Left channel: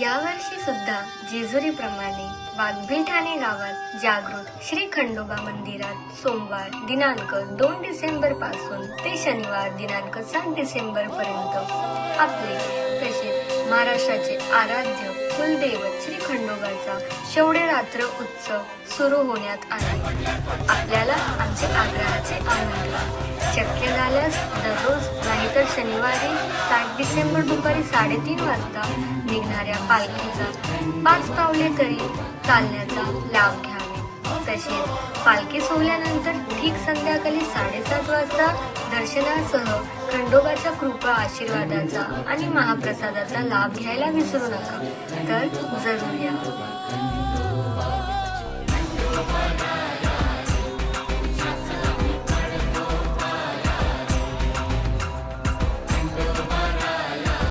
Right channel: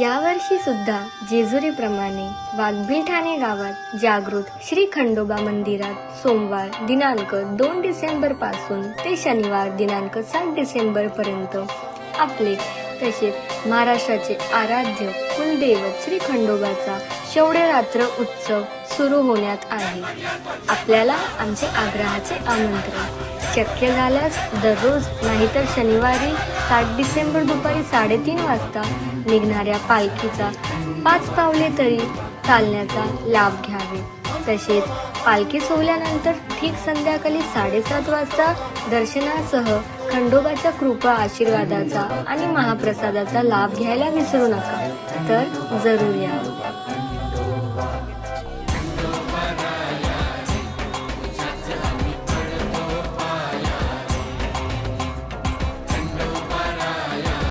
यावर्षी सुद्धा जेजुरीप्रमाणे वाघबीळ ठाणे गावात जागृत श्री खंडोबा मंदिरात सोमवार दिनांक 2 डिसेंबर पासून ते शनिवार दिनांक 7 डिसेंबर पर्यंत आपले तसेच महाराष्ट्राचे आराध्य कुलदैवत श्री खंडोबाचा शौर्यरात्र उत्सव सुरू होण्यात आहे। आपल्याला आमचे आग्रहाचे आमंत्रण शक्य झाल्यास दररोज नाहीतर शनिवारी 7 डिसेंबर दुपारी 3:30 वाजता निघणाऱ्या पालखीचा 5 पावले तरी चालण्याचा लाभ घ्यावे। तसेच पालखी सोहळ्यानंतर ठीक संध्याकाळी 7:30 वाजता दर्शनासह खंडोबाच्या कृपा आशीर्वादाचा आणि महाप्रसादाचा लाभ घ्यायला विसरू नका। तर जरूर या।